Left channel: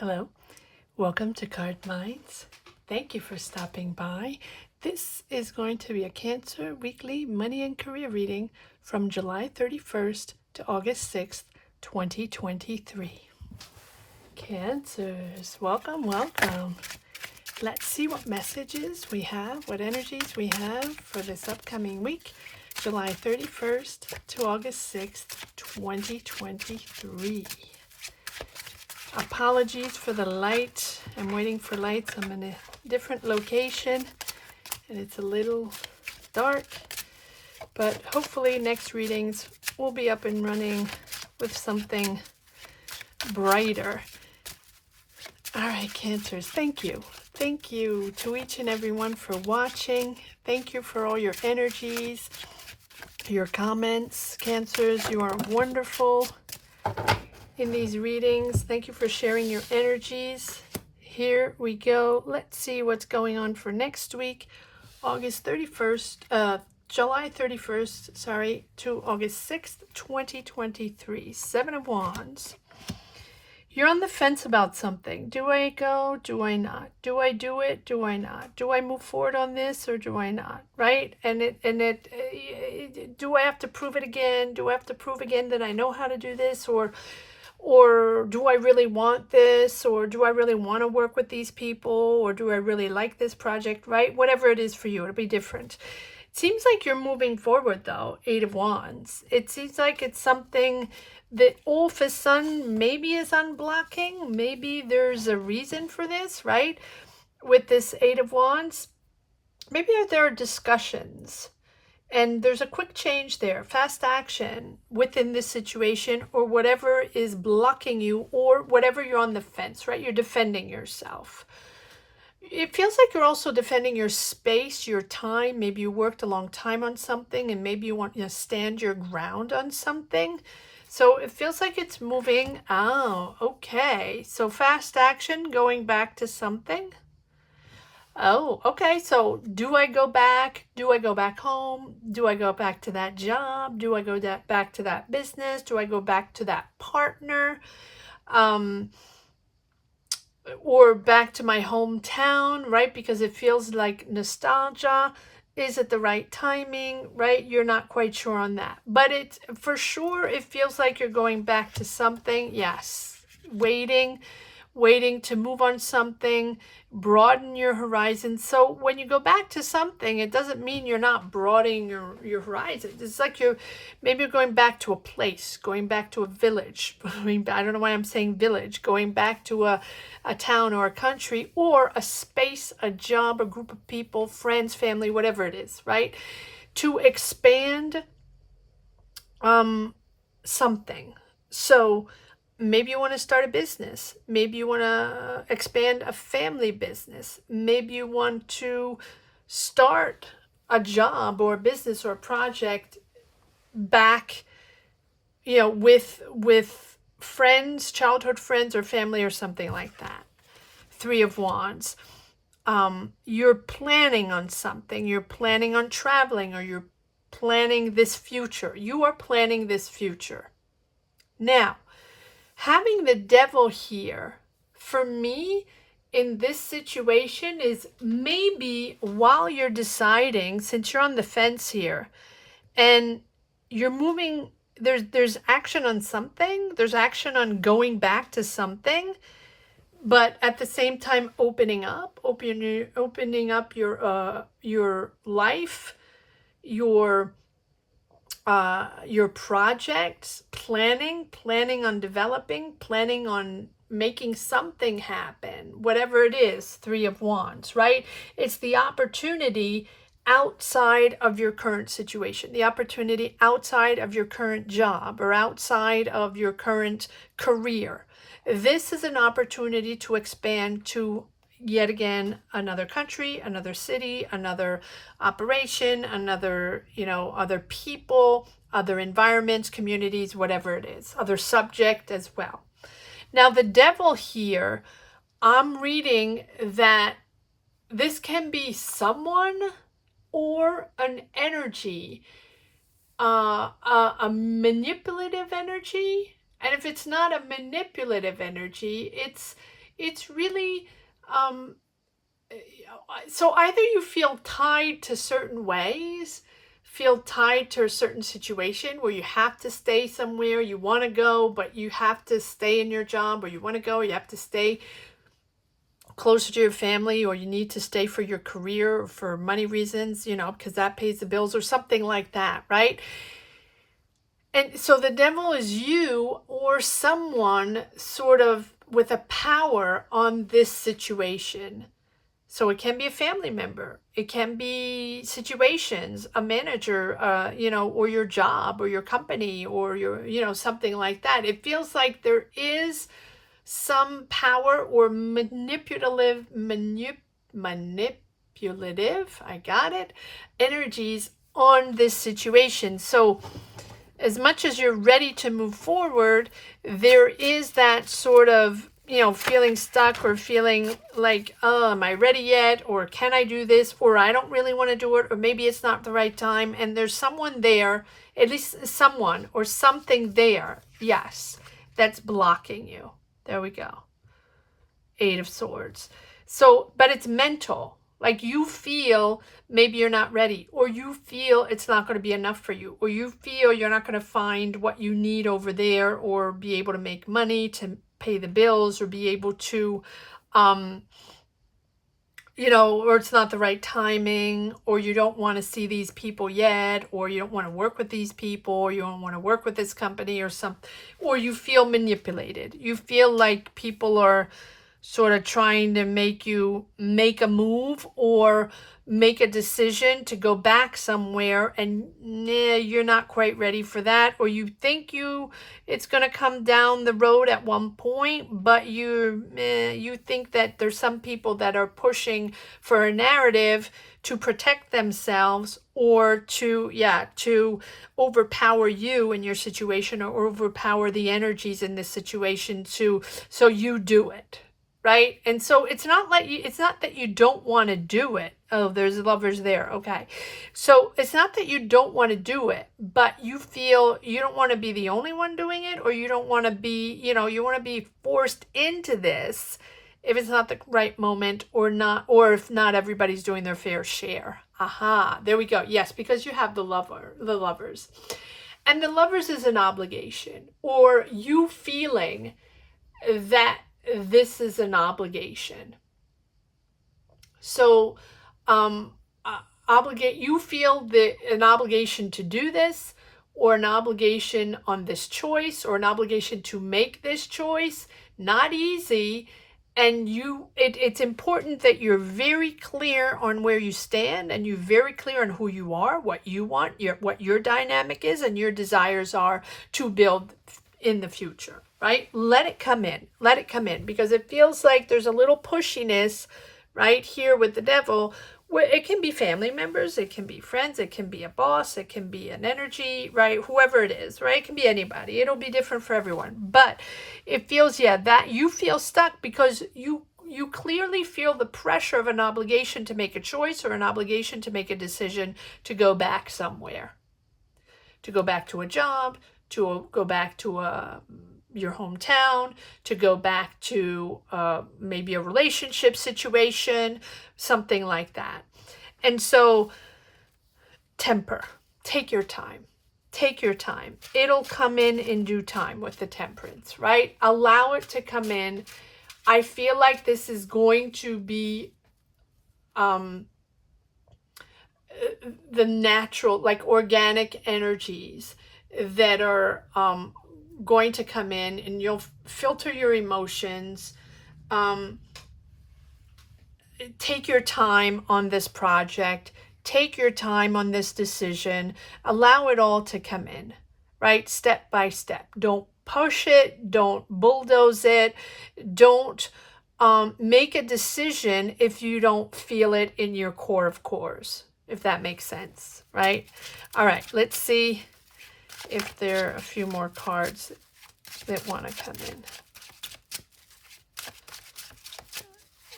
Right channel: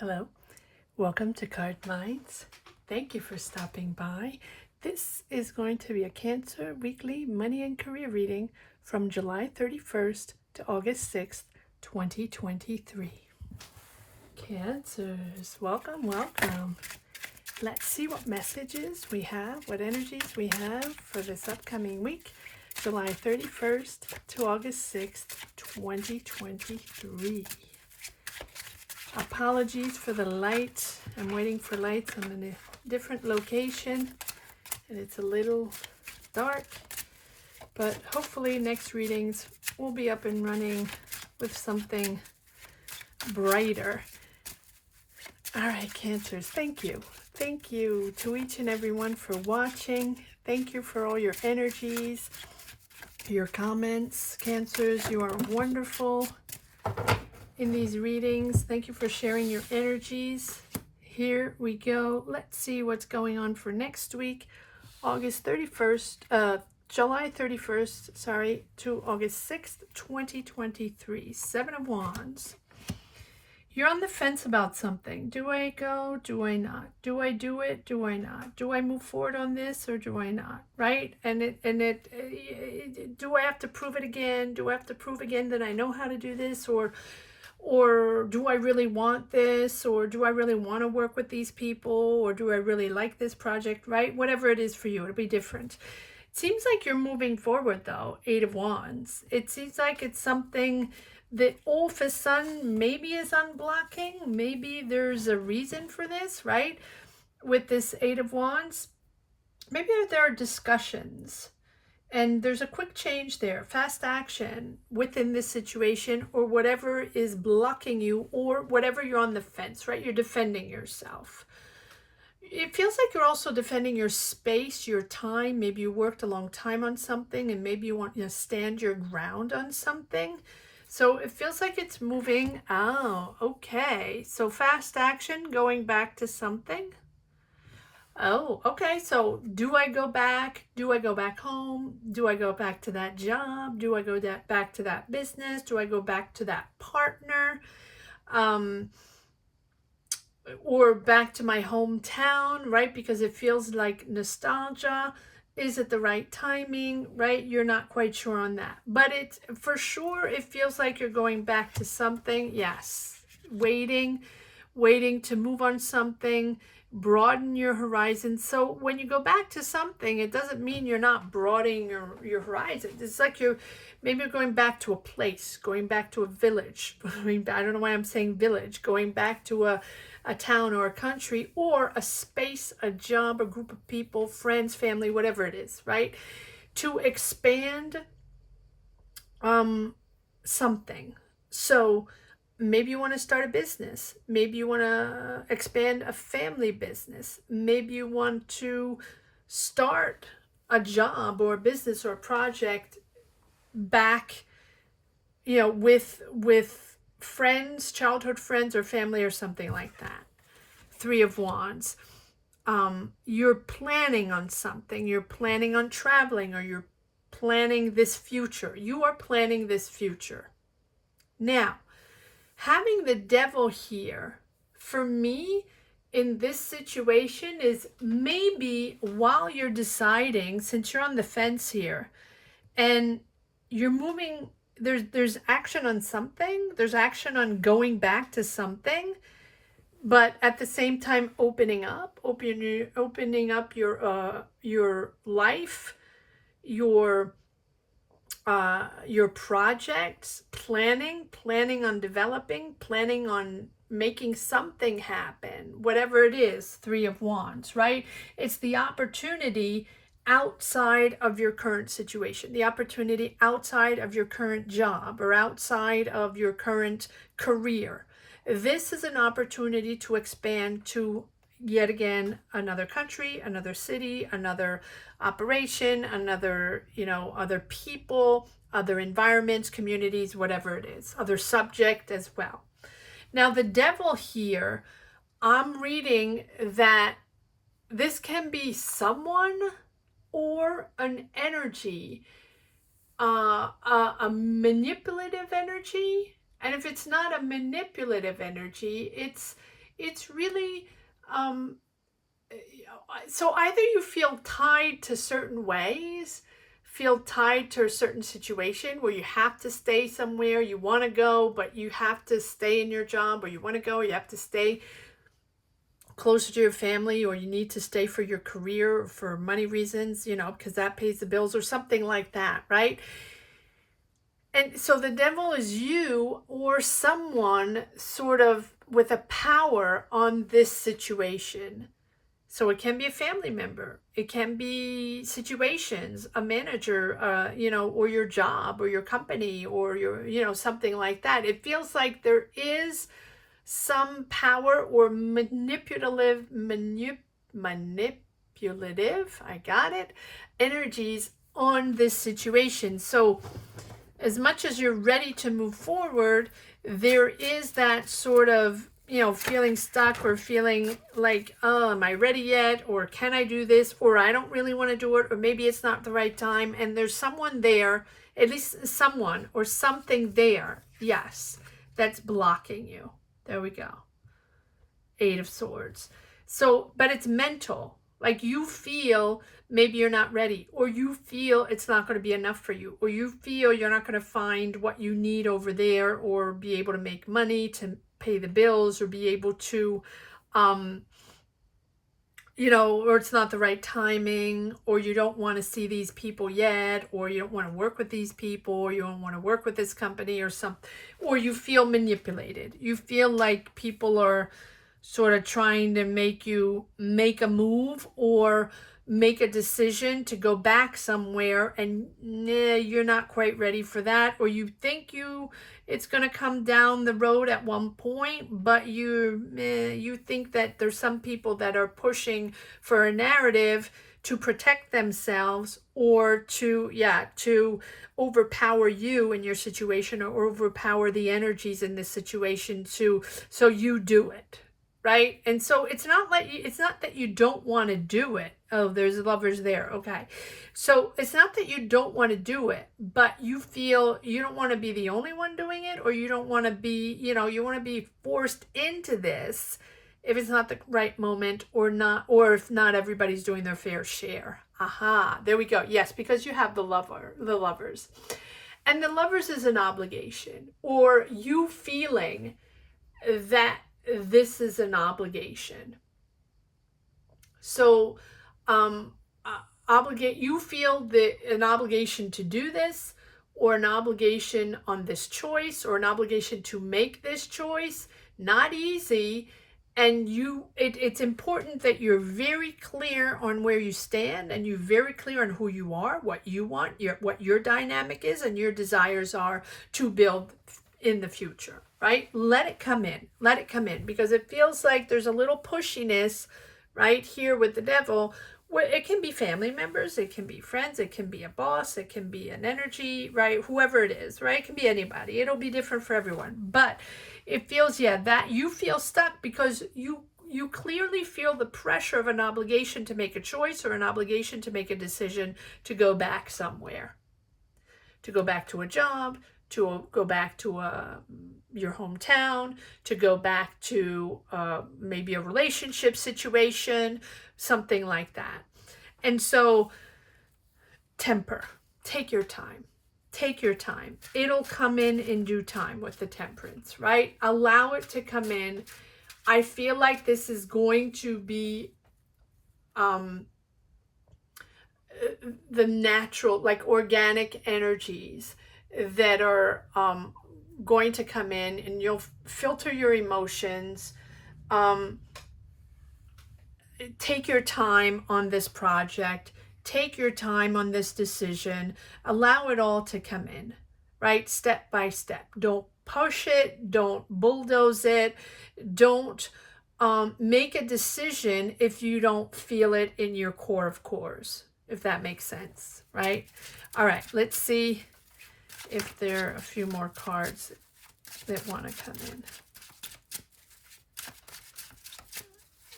Hello, welcome to Card Minds. Thank you for stopping by. This is going to be a Cancer weekly money and career reading from July 31st to August 6th, 2023. Cancers, welcome, welcome. Let's see what messages we have, what energies we have for this upcoming week, July 31st to August 6th, 2023. Apologies for the light. I'm waiting for lights. I'm in a different location and it's a little dark, but hopefully next readings will be up and running with something brighter. All right, Cancers, thank you. Thank you to each and every one for watching. Thank you for all your energies, your comments. Cancers, you are wonderful in these readings. Thank you for sharing your energies. Here we go. Let's see what's going on for next week, July 31st, to August 6th, 2023. Seven of Wands. You're on the fence about something. Do I go? Do I not? Do I do it? Do I not? Do I move forward on this or do I not? Right? Do I have to prove it again? Do I have to prove again that I know how to do this, or do I really want this, or do I really want to work with these people, or do I really like this project, right? Whatever it is for you, it'll be different. It seems like you're moving forward though, Eight of Wands. It seems like it's something that all of a sudden maybe is unblocking. Maybe there's a reason for this, right? With this Eight of Wands, maybe there are discussions. And there's a quick change there, fast action within this situation, or whatever is blocking you, or whatever you're on the fence, right? You're defending yourself. It feels like you're also defending your space, your time. Maybe you worked a long time on something and maybe you want to stand your ground on something. So it feels like it's moving. Oh, okay. So fast action, going back to something. Oh, okay. So do I go back? Do I go back home? Do I go back to that job? Do I go back to that business? Do I go back to that partner? Or back to my hometown, right? Because it feels like nostalgia. Is it the right timing, right? You're not quite sure on that. But it's for sure, it feels like you're going back to something. Yes. Waiting to move on something, broaden your horizon. So when you go back to something, it doesn't mean you're not broadening your horizon. It's like maybe you're going back to a place, going back to a village. I don't know why I'm saying village. Going back to a town or a country, or a space, a job, a group of people, friends, family, whatever it is, right? To expand something. So maybe you want to start a business. Maybe you want to expand a family business. Maybe you want to start a job or a business or a project back, with friends, childhood friends or family or something like that. Three of Wands. You're planning on something. You're planning on traveling, or you're planning this future. You are planning this future. Now, having the Devil here, for me, in this situation, is maybe while you're deciding, since you're on the fence here, and you're moving, there's action on something, there's action on going back to something, but at the same time opening up your life, your projects, planning on developing, planning on making something happen, whatever it is. Three of Wands, right? It's the opportunity outside of your current situation, the opportunity outside of your current job or outside of your current career. This is an opportunity to expand to, yet again, another country, another city, another operation, other people, other environments, communities, whatever it is, other subject as well. Now, the Devil here, I'm reading that this can be someone or an energy, a manipulative energy. And if it's not a manipulative energy, it's really, so either you feel tied to certain ways, feel tied to a certain situation where you have to stay somewhere, you want to go, but you have to stay in your job, or you want to go, you have to stay closer to your family, or you need to stay for your career or for money reasons, you know, because that pays the bills or something like that, right? And so the devil is you or someone sort of with a power on this situation. So it can be a family member, it can be situations, a manager, you know, or your job or your company or your, you know, something like that. It feels like there is some power or manipulative, I got it, energies on this situation. So as much as you're ready to move forward, there is that sort of, you know, feeling stuck or feeling like, oh, am I ready yet? Or can I do this? Or I don't really want to do it. Or maybe it's not the right time. And there's someone there, at least someone or something there, yes, that's blocking you. There we go. 8 of Swords. So, but it's mental. Like you feel maybe you're not ready, or you feel it's not going to be enough for you, or you feel you're not going to find what you need over there, or be able to make money to pay the bills, or be able to, you know, or it's not the right timing, or you don't want to see these people yet, or you don't want to work with these people, or you don't want to work with this company or something, or you feel manipulated. You feel like people are sort of trying to make you make a move or make a decision to go back somewhere, and you're not quite ready for that, or you think it's going to come down the road at one point, but you think that there's some people that are pushing for a narrative to protect themselves, or to overpower you in your situation, or overpower the energies in this situation, so you do it. Right? And so it's not that you don't want to do it. Oh, there's Lovers there. Okay. So it's not that you don't want to do it, but you feel you don't want to be the only one doing it, or you don't want to be, you know, you want to be forced into this if it's not the right moment, or not, or if not everybody's doing their fair share. Aha, there we go. Yes, because you have the Lovers. And the Lovers is an obligation, or you feeling that this is an obligation. So you feel an obligation to do this, or an obligation on this choice, or an obligation to make this choice. Not easy. And it's important that you're very clear on where you stand, and you're very clear on who you are, what you want, what your dynamic is, and your desires are to build in the future. Right? Let it come in. Let it come in, because it feels like there's a little pushiness right here with the devil, where it can be family members, it can be friends, it can be a boss, it can be an energy, right? Whoever it is, right? It can be anybody. It'll be different for everyone. But it feels, that you feel stuck because you clearly feel the pressure of an obligation to make a choice, or an obligation to make a decision to go back somewhere, to go back to a job, to go back to your hometown, to go back to maybe a relationship situation, something like that. And so temper, take your time. Take your time. It'll come in due time with the Temperance, right? Allow it to come in. I feel like this is going to be the natural, like organic energies that are going to come in, and you'll filter your emotions. Take your time on this project. Take your time on this decision. Allow it all to come in, right? Step by step. Don't push it. Don't bulldoze it. Don't make a decision if you don't feel it in your core of cores, if that makes sense, right? All right, let's see if there are a few more cards that want to come in.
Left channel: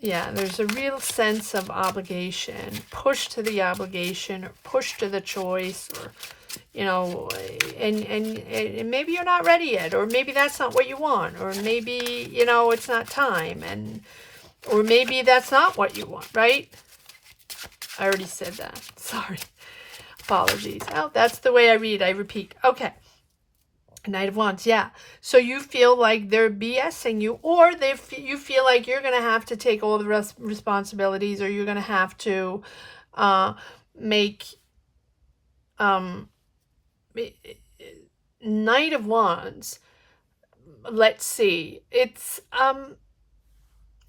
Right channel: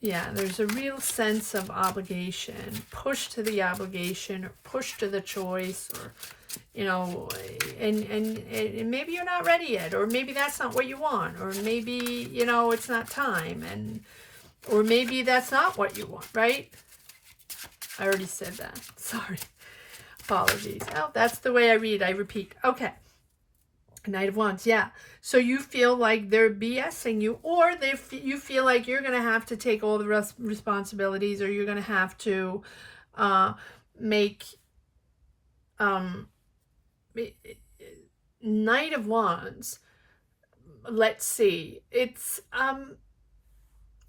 Yeah, there's a real sense of obligation, push to the obligation, or push to the choice, or, you know, and maybe you're not ready yet, or maybe that's not what you want, or maybe, you know, it's not time, or maybe that's not what you want, right? I already said that. Sorry. Apologies. Oh, that's the way I read. I repeat. Okay. Knight of Wands, yeah. So you feel like they're BSing you, or you feel like you're going to have to take all the responsibilities, or you're going to have to make Knight of Wands. Let's see. It's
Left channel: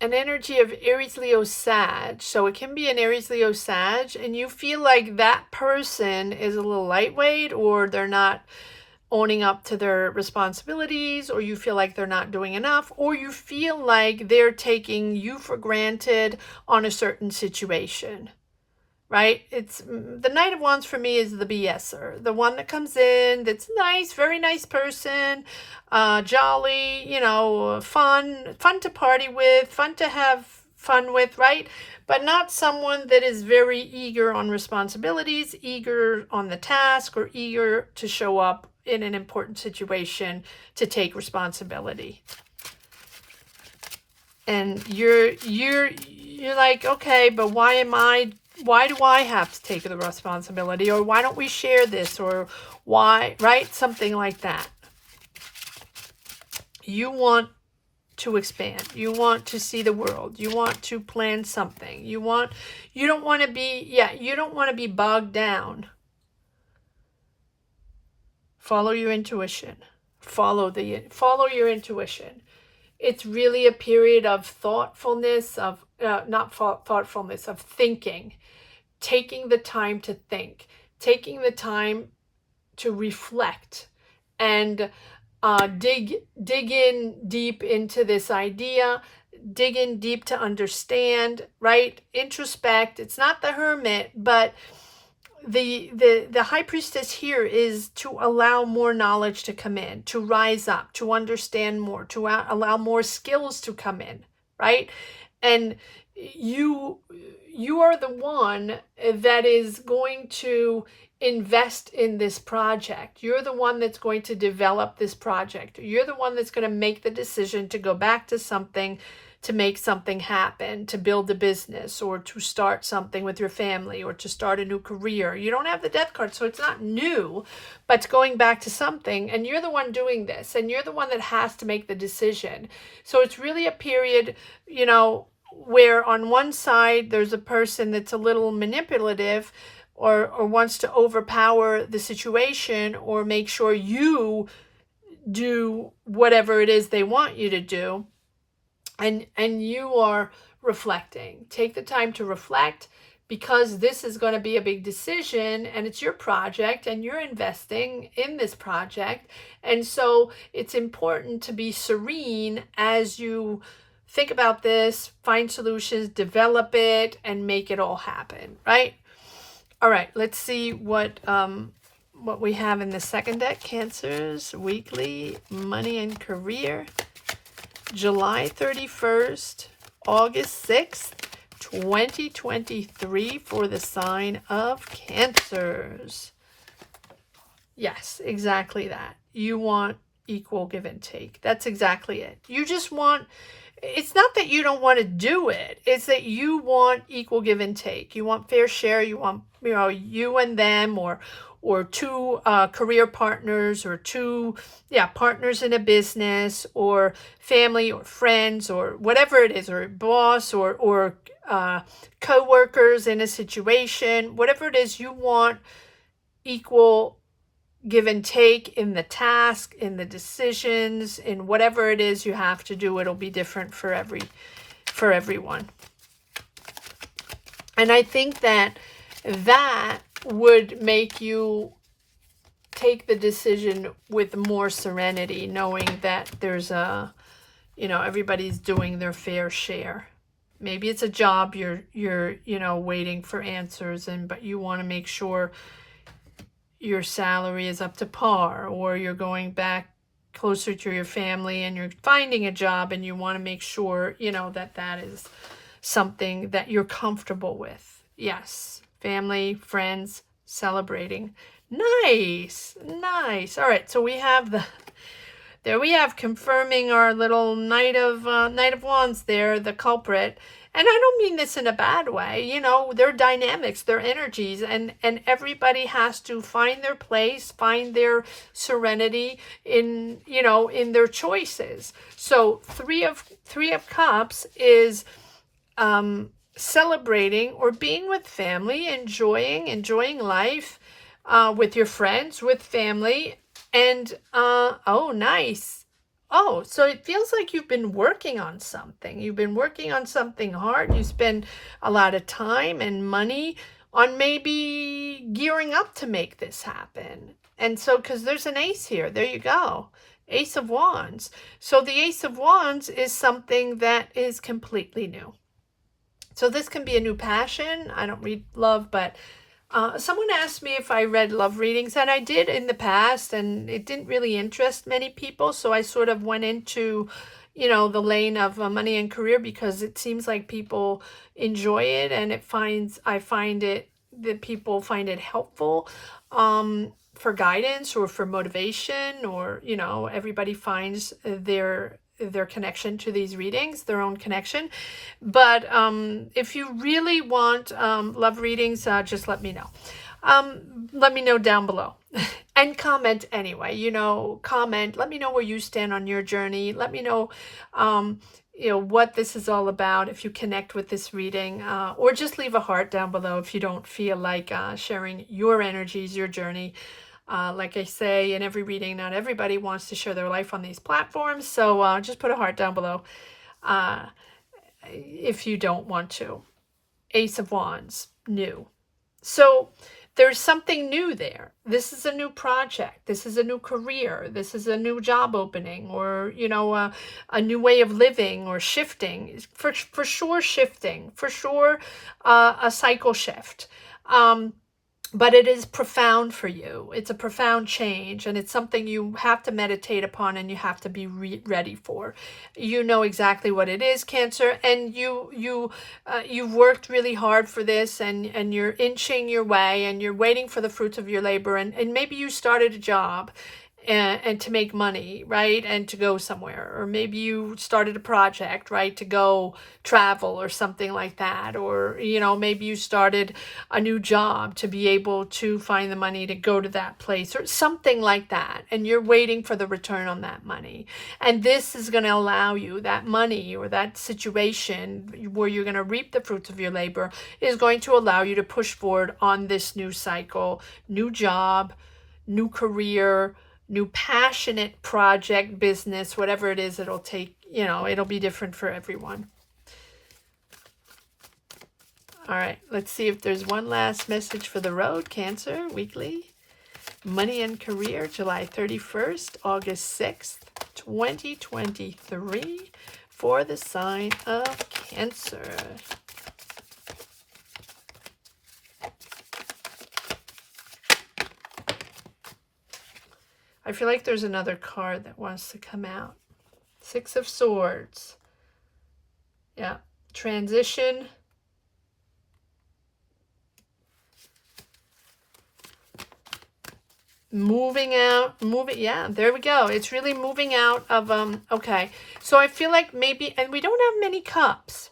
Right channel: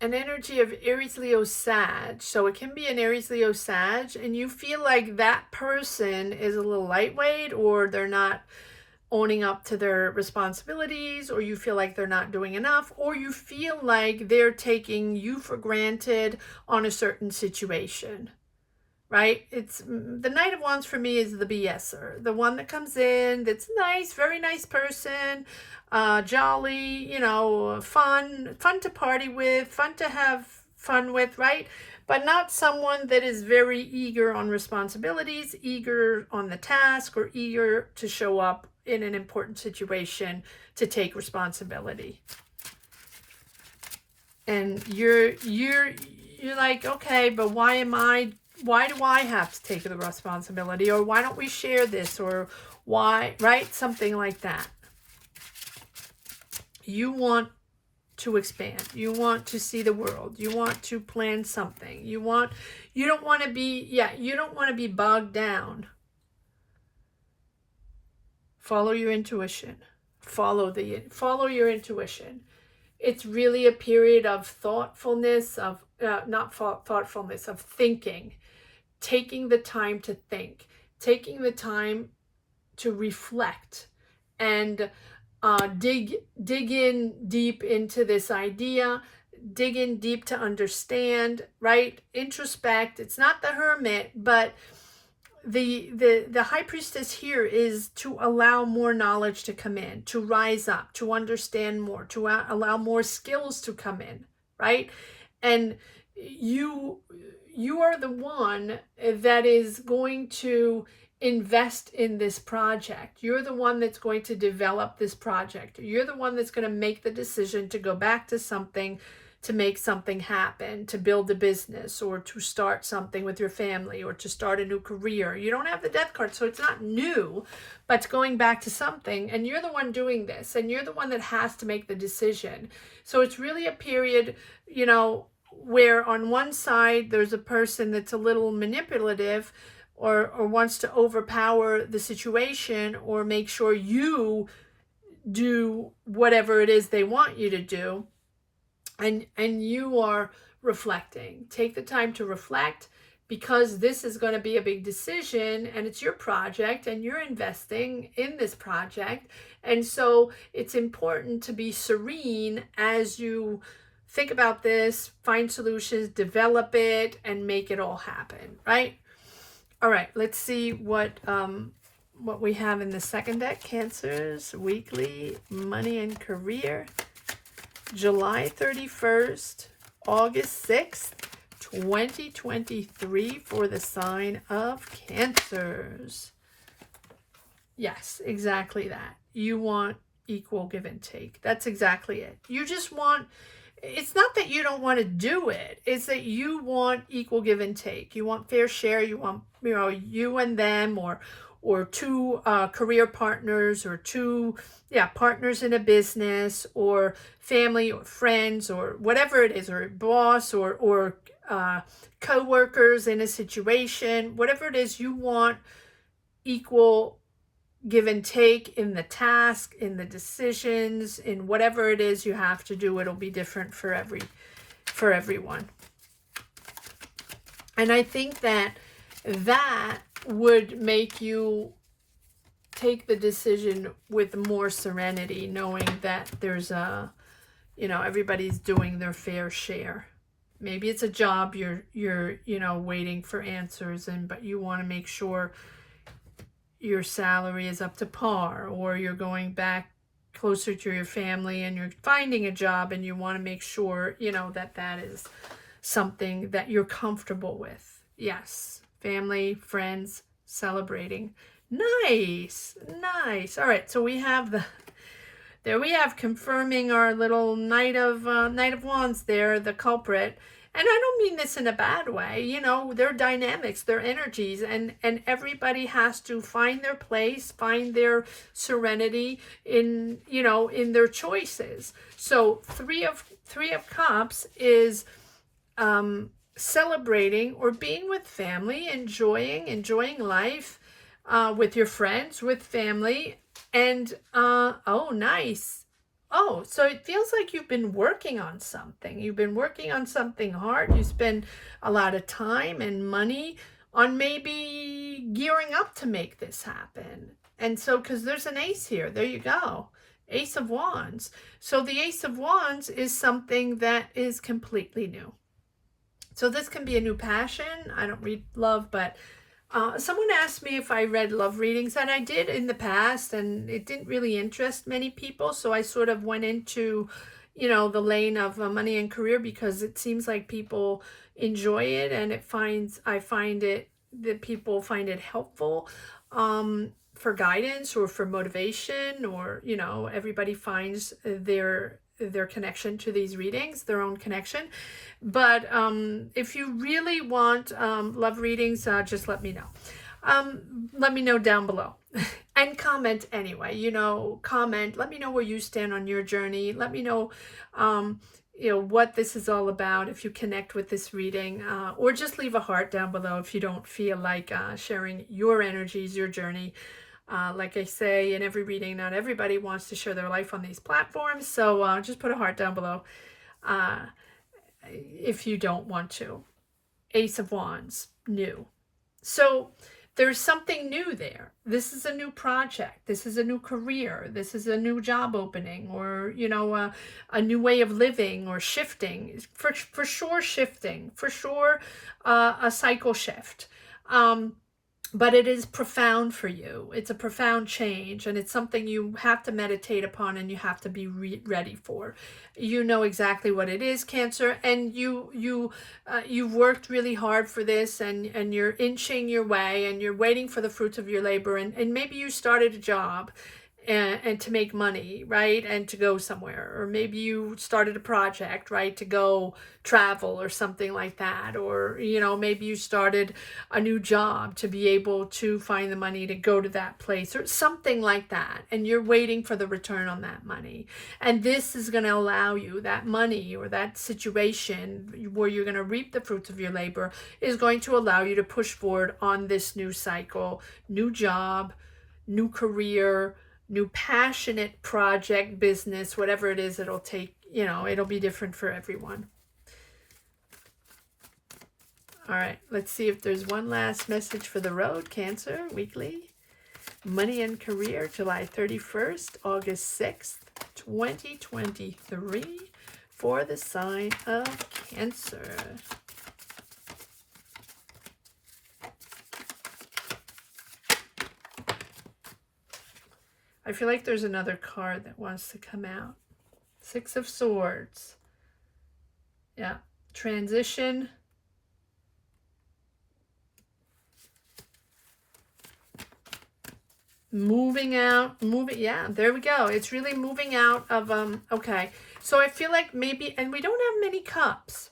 an energy of Aries, Leo, Sag. So it can be an Aries, Leo, Sag, and you feel like that person is a little lightweight, or they're not owning up to their responsibilities, or you feel like they're not doing enough, or you feel like they're taking you for granted on a certain situation, right? It's the Knight of Wands for me is the BSer, the one that comes in, that's nice, very nice person, jolly, you know, fun to party with, fun to have fun with, right? But not someone that is very eager on responsibilities, eager on the task, or eager to show up in an important situation to take responsibility. And you're like, okay, but why do I have to take the responsibility, or why don't we share this, or why, right? Something like that. You want to expand. You want to see the world. You want to plan something. You don't want to be bogged down. Follow your intuition. Follow your intuition. It's really a period of thoughtfulness, of of thinking, taking the time to think, taking the time to reflect, and dig in deep into this idea, dig in deep to understand, right? Introspect. It's not the Hermit, but the High Priestess here is to allow more knowledge to come in, to rise up, to understand more, to allow more skills to come in, right? And you are the one that is going to invest in this project. You're the one that's going to develop this project. You're the one that's going to make the decision to go back to something, to make something happen, to build a business, or to start something with your family, or to start a new career. You don't have the Death card, so it's not new, but it's going back to something, and you're the one doing this, and you're the one that has to make the decision. So it's really a period, you know, where on one side there's a person that's a little manipulative, or wants to overpower the situation, or make sure you do whatever it is they want you to do. And you are reflecting. Take the time to reflect, because this is going to be a big decision, and it's your project, and you're investing in this project. And so it's important to be serene as you think about this, find solutions, develop it, and make it all happen, right? All right, let's see what we have in the second deck. Cancer's weekly money and career. July 31st, August 6th, 2023 for the sign of Cancers. Yes, exactly that. You want equal give and take. That's exactly it. You just want, it's not that you don't want to do it. It's that you want equal give and take. You want fair share. You want, you know, you and them, or two career partners, or two partners in a business, or family, or friends, or whatever it is, or boss, or co-workers in a situation. Whatever it is, you want equal give and take in the task, in the decisions, in whatever it is you have to do. It'll be different for everyone. And I think that would make you take the decision with more serenity, knowing that there's everybody's doing their fair share. Maybe it's a job you're waiting for answers in, but you want to make sure your salary is up to par, or you're going back closer to your family and you're finding a job, and you want to make sure, that is something that you're comfortable with. Yes. Family, friends, celebrating. Nice, nice. All right, so we have there we have confirming our little Knight of Wands there, the culprit. And I don't mean this in a bad way. You know, their dynamics, their energies, and everybody has to find their place, find their serenity in, you know, in their choices. So three of Cups is celebrating or being with family, enjoying life, with your friends, with family. And oh, nice. Oh, so it feels like you've been working on something. You've been working on something hard. You spend a lot of time and money on maybe gearing up to make this happen. And so, because there's an ace here, there you go. Ace of Wands. So the Ace of Wands is something that is completely new. So this can be a new passion. I don't read love, but someone asked me if I read love readings, and I did in the past, and it didn't really interest many people. So I sort of went into, you know, the lane of money and career, because it seems like people enjoy it, and I find it that people find it helpful for guidance or for motivation, or, you know, everybody finds their connection to these readings, their own connection. But if you really want love readings, just let me know. Let me know down below. And comment anyway, you know, comment. Let me know where you stand on your journey. Let me know, you know, what this is all about, if you connect with this reading, or just leave a heart down below if you don't feel like sharing your energies, your journey. Like I say in every reading, not everybody wants to share their life on these platforms. So just put a heart down below if you don't want to. Ace of Wands, new. So there's something new there. This is a new project. This is a new career. This is a new job opening, or, you know, a new way of living, or shifting. For sure shifting. For sure a cycle shift. But it is profound for you. It's a profound change, and it's something you have to meditate upon, and you have to be ready for. You know exactly what it is, Cancer, and you've worked really hard for this, and you're inching your way, and you're waiting for the fruits of your labor, and maybe you started a job and to make money, right? And to go somewhere. Or maybe you started a project, right? To go travel or something like that. Or, you know, maybe you started a new job to be able to find the money to go to that place, or something like that. And you're waiting for the return on that money. And this is going to allow you, that money or that situation where you're going to reap the fruits of your labor, is going to allow you to push forward on this new cycle, new job, new career, new passionate project, business, whatever it is. It'll take, you know, it'll be different for everyone. All right, let's see if there's one last message for the road, Cancer, weekly. Money and career, July 31st, August 6th, 2023, for the sign of Cancer. I feel like there's another card that wants to come out. Six of Swords. Yeah. Transition. Moving out. Yeah, there we go. It's really moving out of, okay. So I feel like maybe, and we don't have many cups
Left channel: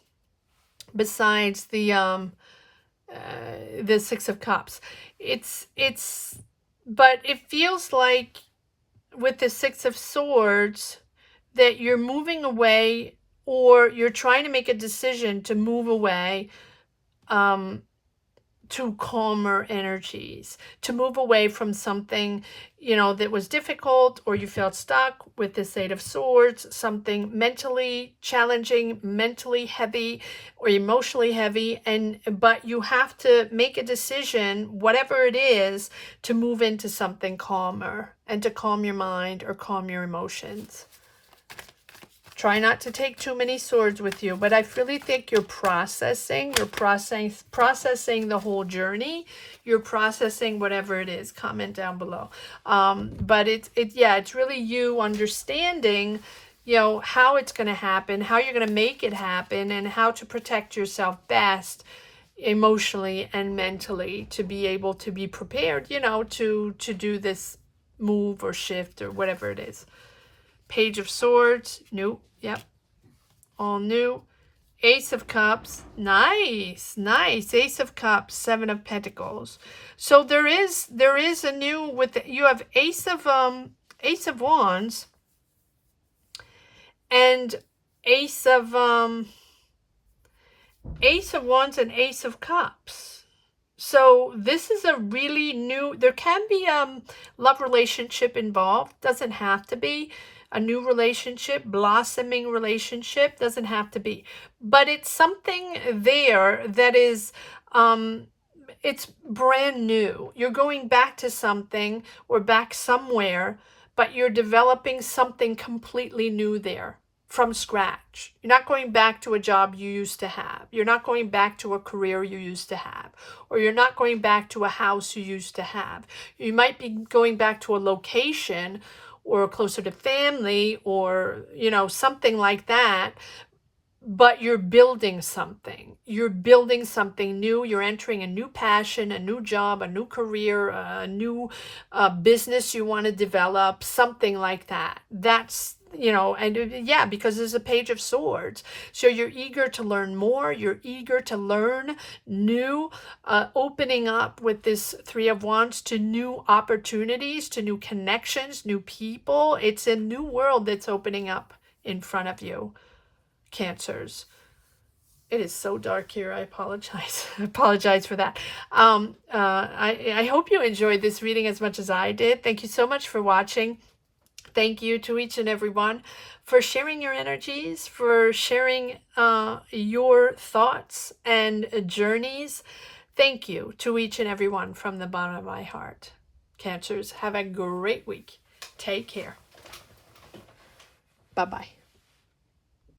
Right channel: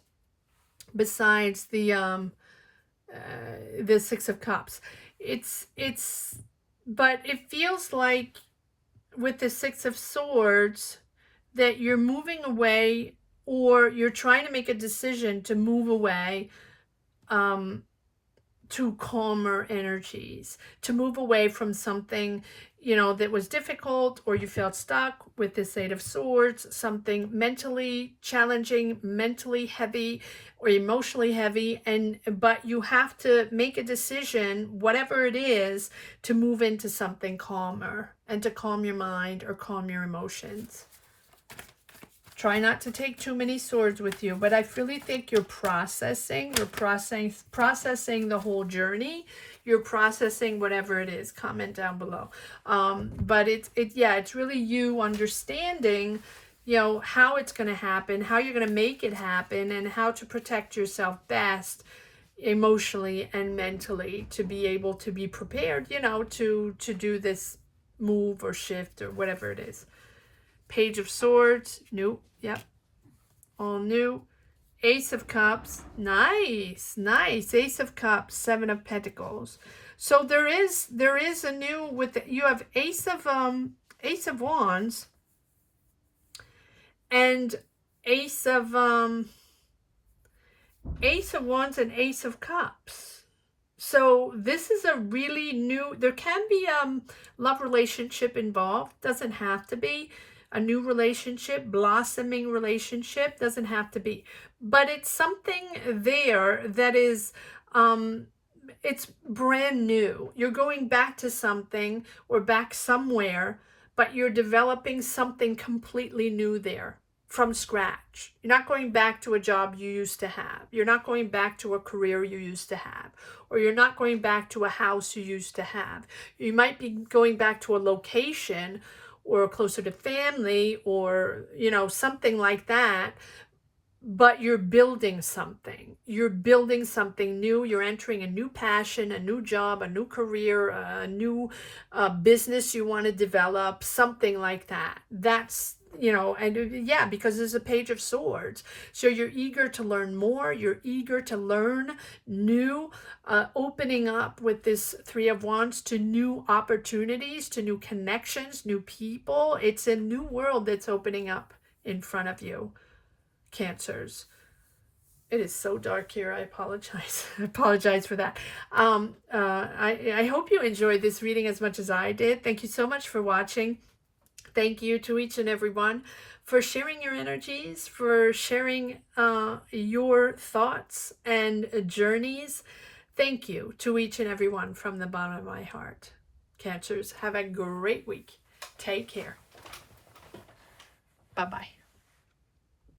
besides the Six of Cups. But it feels like with the Six of Swords that you're moving away, or you're trying to make a decision to move away to calmer energies, to move away from something, you know, that was difficult, or you felt stuck with this Eight of Swords, something mentally challenging, mentally heavy, or emotionally heavy, but you have to make a decision, whatever it is, to move into something calmer, and to calm your mind or calm your emotions. Try not to take too many swords with you, but I really think you're processing the whole journey. You're processing whatever it is. Comment down below. But it's really you understanding, you know, how it's going to happen, how you're going to make it happen, and how to protect yourself best emotionally and mentally to be able to be prepared, you know, to do this move or shift or whatever it is. Page of Swords, new, yep, all new. Ace of Cups, nice, nice. Ace of Cups, Seven of Pentacles. So there is a new, with the, you have Ace of Wands and Ace of Wands and Ace of Cups. So this is a really new, there can be love relationship involved, doesn't have to be. A new relationship, blossoming relationship, doesn't have to be. But it's something there that is, it's brand new. You're going back to something or back somewhere, but you're developing something completely new there from scratch. You're not going back to a job you used to have. You're not going back to a career you used to have. Or you're not going back to a house you used to have. You might be going back to a location or closer to family or, you know, something like that. But you're building something. You're building something new. You're entering a new passion, a new job, a new career, a new business you want to develop, something like that. That's, you know, and yeah, because there's a Page of Swords. So you're eager to learn more. You're eager to learn new, opening up with this Three of Wands to new opportunities, to new connections, new people. It's a new world that's opening up in front of you. Cancers. It is so dark here. I apologize. I apologize for that. I hope you enjoyed this reading as much as I did. Thank you so much for watching. Thank you to each and every one for sharing your energies, for sharing your thoughts and journeys. Thank you to each and every one from the bottom of my heart. Cancers, have a great week. Take care. Bye-bye.